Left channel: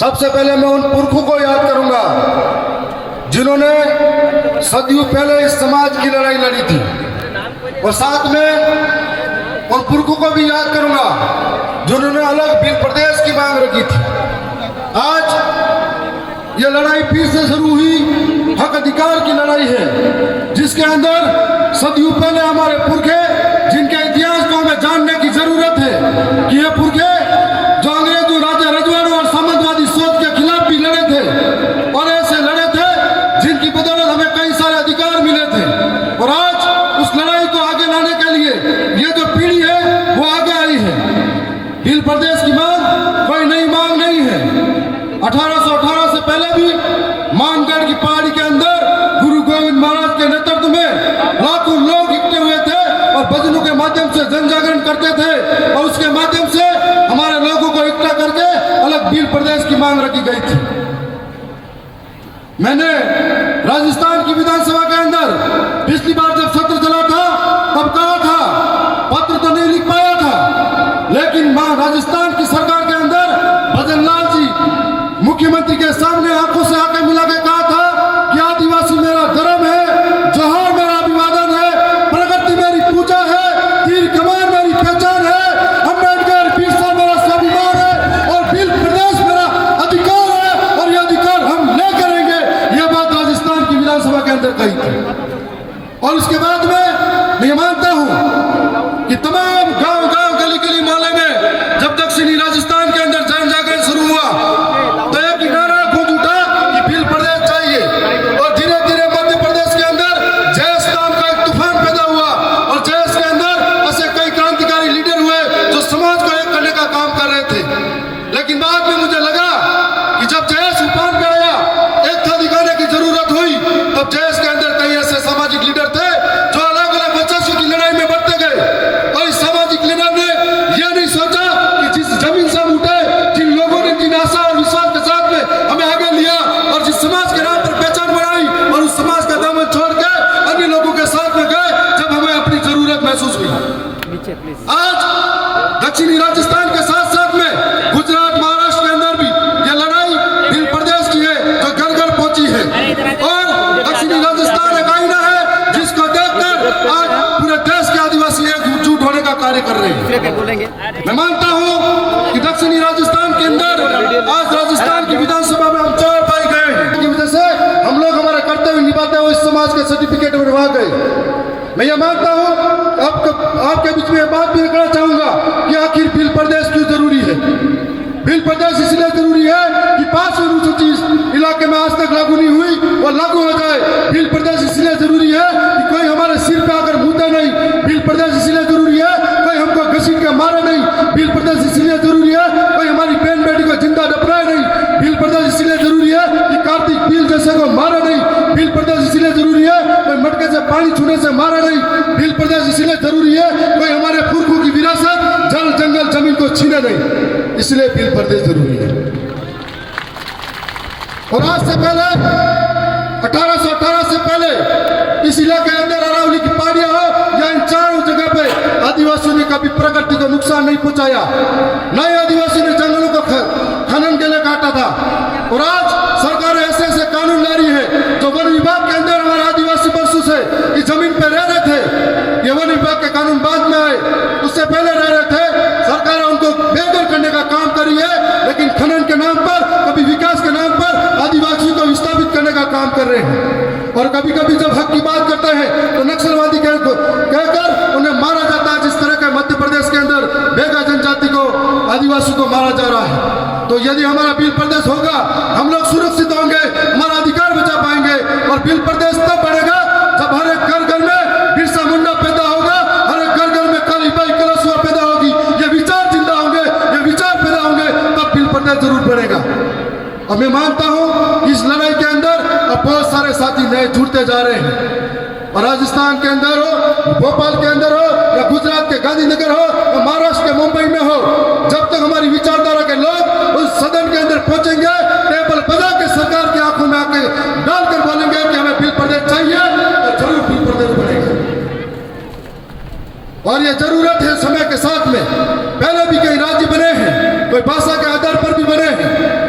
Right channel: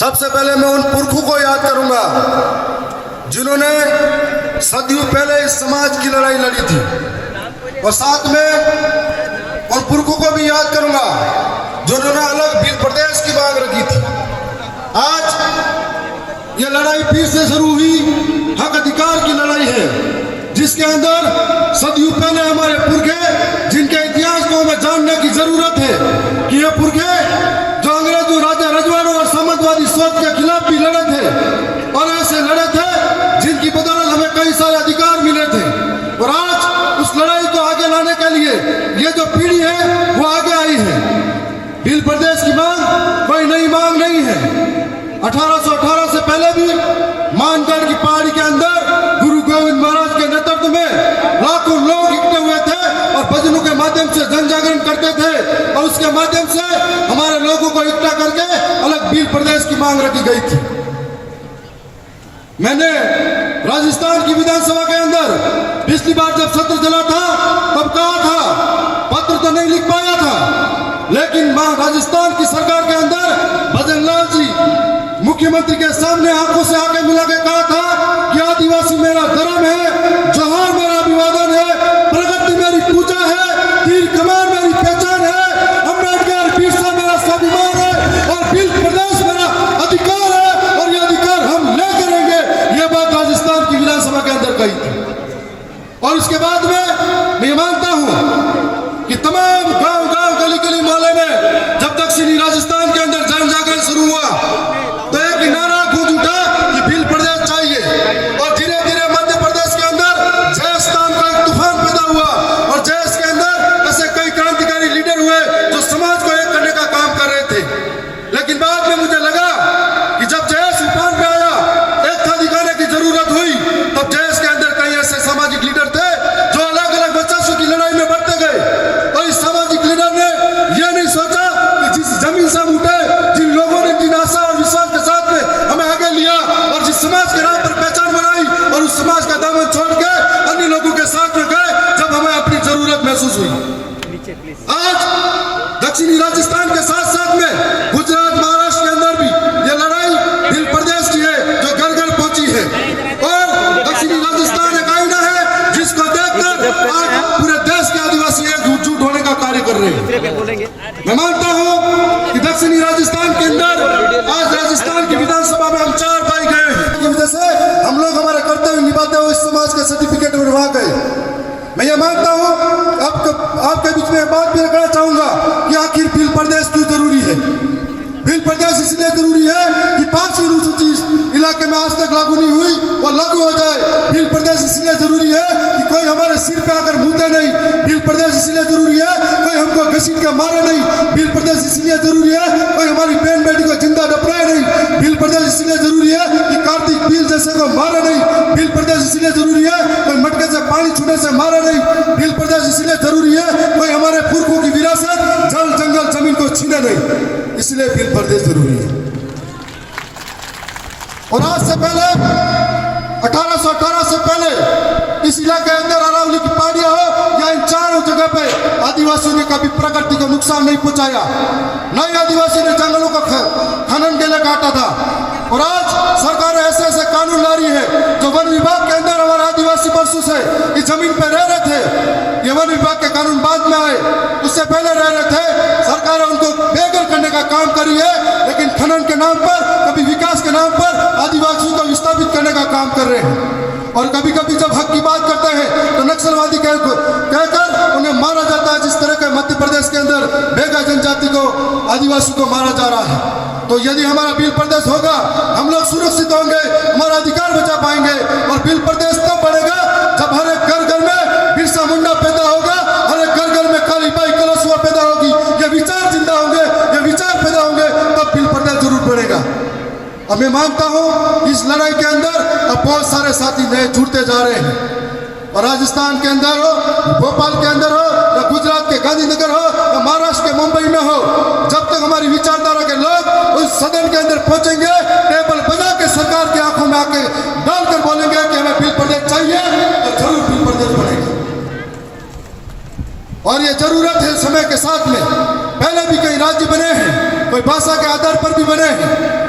सबसे पहले मैं उन पुरखों को याद करूंगा जिन्होंने सदियों पहले इस समाज की लड़ाई लड़ी थी, और साथ में उन पुरखों को भी याद करूंगा जिन्होंने अलग भील प्रदेश की मांग रखी थी। आज ये लड़ाई फिर से शुरू हुई, हक अधिकार की लड़ाई है, जिसके अंदर सदियों पहले हमारे पुरखे, जिनके इतिहास को हमें जानने की जरूरत है कि ये पुरखे जो अंग्रेजों, राजा रजवाड़ों और साम्राज्यवादी सोच के खिलाफ भी लड़े थे, और ऐसे लड़े थे जिनकी बदौलत हमें कई सारे अधिकार मिले थे। और आज उस लड़ाई को आगे लाने के लिए ये जो पीढ़ी है वो आगे आई है। भील प्रदेश की मांग कोई नई मांग नहीं है। 1818 से पहले भी मानगढ़ की पहाड़ी के अंदर गुरु गोविंद महाराज के नेतृत्व में लाखों लोग इकट्ठे हुए थे और भजनों के माध्यम से जन जागरण करते थे, और उसके माध्यम से हमारे लोगों को इकट्ठा करके अलग भील प्रदेश की मांग रखी गई थी। मैंने राजस्थान की विधानसभा के अंदर पिछली बार जब सत्र चला था तब कहा था, पत्र तो नहीं लिख पाया था, लेकिन राजस्थान की सरकार के अंदर भजन लाल जी मुख्यमंत्री के सामने आंखों से आंखें मिला के कहा था कि आदिवासी मेरा धर्म है, जोहार मेरा अभिवादन है, प्रगति मेरी पूजा है, तीर कमान मेरी पहचान है, अम्बेडकर बिरसा मेरा स्वाभिमान है, और भील प्रदेश मेरा अधिकार है, और यह अधिकार हम ले करेंगे। यह बात राजस्थान की विधानसभा के अंदर कही थी। और इसके बाद में मैं मानता हूं कि तमाम गांव गांव गली गली मोहल्ले में जब दक्षिणी राजस्थान के अंदर जन जागरण शुरू हुआ तो एक नारा खूब उठा कि भील प्रदेश चाहिए, और धीरे धीरे मध्य प्रदेश के अंदर जयस नाम का एक तूफान पैदा हुआ, और जयस के अंदर ऐसे कई क्रांतिकारी लीडर हुए जो समाज को एक करने का काम कर रहे थे। लेकिन बाद में मुझे लगा कि जब जयस उफान पे आया, एक था दिखाने की जरूरत हुई, तब जयस के अंदर कई ऐसे सामाजिक लीडर थे जो अलग अलग वर्चस्व की लड़ाई में बढ़ते गए, और इस सामाजिक लीडर ने यह नहीं सोचा कि जिस जमीन से हम उठे, जिन लोगों ने जिन आशा और विश्वास के साथ में हमें आगे लिया और जिस समाज के नाम पर पहचान बनाई, और उस समाज का दामन छोड़ के अन्य लोगों के साथ में गए जब हमें अपनी जरूरत महसूस हुई। आज दक्षिणी राजस्थान के साथ साथ में गुजरात, महाराष्ट्र के अंदर भी यह लड़ाई भील प्रदेश की है जो घर घर पहुंची है, और दक्षिणी राजस्थान एक आईना है जिसको देखकर आज पूरे देश के आदिवासी एकजुट होने का कार्य कर रहे हैं। मैं मानता हूं कि दक्षिणी राजस्थान के अंदर आज राजस्थान की विधानसभा में हम 4 पाए गए हैं, की वजह से हम लोग हमारा कर्तव्य निभाते हुए इस समाज के सर्टिफिकेट बनवा गए। मैं ये मानता हूं, आपके बीच में बात भी रखना चाहूंगा कि आखिर भील प्रदेश क्यों जरूरी है। भील प्रदेश इसलिए जरूरी है कि 5वीं अनुसूची इलाके में आज तक लागू नहीं हुई, वो लागू हो जाए। भील प्रदेश इसलिए जरूरी है कि कोई हमारे सिर पे आकर मुद्दे नहीं। भील प्रदेश इसलिए जरूरी है कोई हमको घसीट के मारे नहीं। भील प्रदेश इसलिए जरूरी है कोई हमारी बहन बेटी को जिंदा डपराए नहीं। भील प्रदेश इसलिए जरूरी है कि कार्तिक भील जैसे को मारे नहीं। भील प्रदेश इसलिए जरूरी है कोई मटके से पानी छूने से मारे नहीं। भील प्रदेश इसलिए जरूरी है कोई हमारे पुरखों की विरासत, जल जंगल जमीन को छीने नहीं। इसलिए भील प्रदेश जरूरी है। और आज से पहले 1818 से पहले इस इलाके के अंदर अरावली की पहाड़ियां हो या इन चारों जगह पे आदिवासियों ने कभी प्रकृति को नुकसान नहीं पहुंचाया। नए आदिवासी ने जंगलों को खनन के लिए काटा था, और आज सरकार ऐसे ऐसे कानून ला रही है जो वन विभाग के अंदर हमारे आदिवासी वर्षों से इस जमीन पे रह रहे थे। ये वन विभाग के कानून बाद में आए, उससे पहले रह रहे थे। सरकार उनको बेघर करने का काम करी है, लेकिन खनन के नाम पर, कभी विकास के नाम पर आदिवासियों को विस्थापित करने का काम कर रहे हैं। और कभी कभी जब हक की बात करते हैं तो नक्सलवादी कहकर उन्हें मारा जाता है, जिस तरह के मध्य प्रदेश के अंदर बेगा जनजाति को, आदिवासी को मारा जा रहा है। तो यदि हमारा भील प्रदेश होगा, हम लोग सुरक्षित होंगे, हमारा अधिकार बचा पाएंगे। और भील प्रदेश तब बढ़ेगा जब हर एक घर घर में बिरसा मुंडा पैदा होगा, हर एक घर घर में कालीबाई कलशुआ पैदा होगी, ये विचार जिंदा होंगे, ये विचार पैदा होंगे, तब भील प्रदेश जरूर बढ़ेगा। और मैं मानता हूं इस लड़ाई के अंदर अब बहुत सारे साथी नए जुड़ते जा रहे हैं, और राजस्थान के अंदर हो, भोपाल के अंदर हो, या गुजरात के गांधीनगर हो, या महाराष्ट्र के मुंबई में हो, जब तक हमारी विचारधारा के लोग उस सदन के अंदर पहुंचेंगे, टेबल बजा के सरकार की आंखों में आके डालकर बोलेंगे कि हमें भील प्रदेश चाहिए, तो जरूर भील प्रदेश बनेगा। और ये जरूरत है समय के साथ में। पहले भी कई राज्य बने हैं, कोई भाषा के आधार पर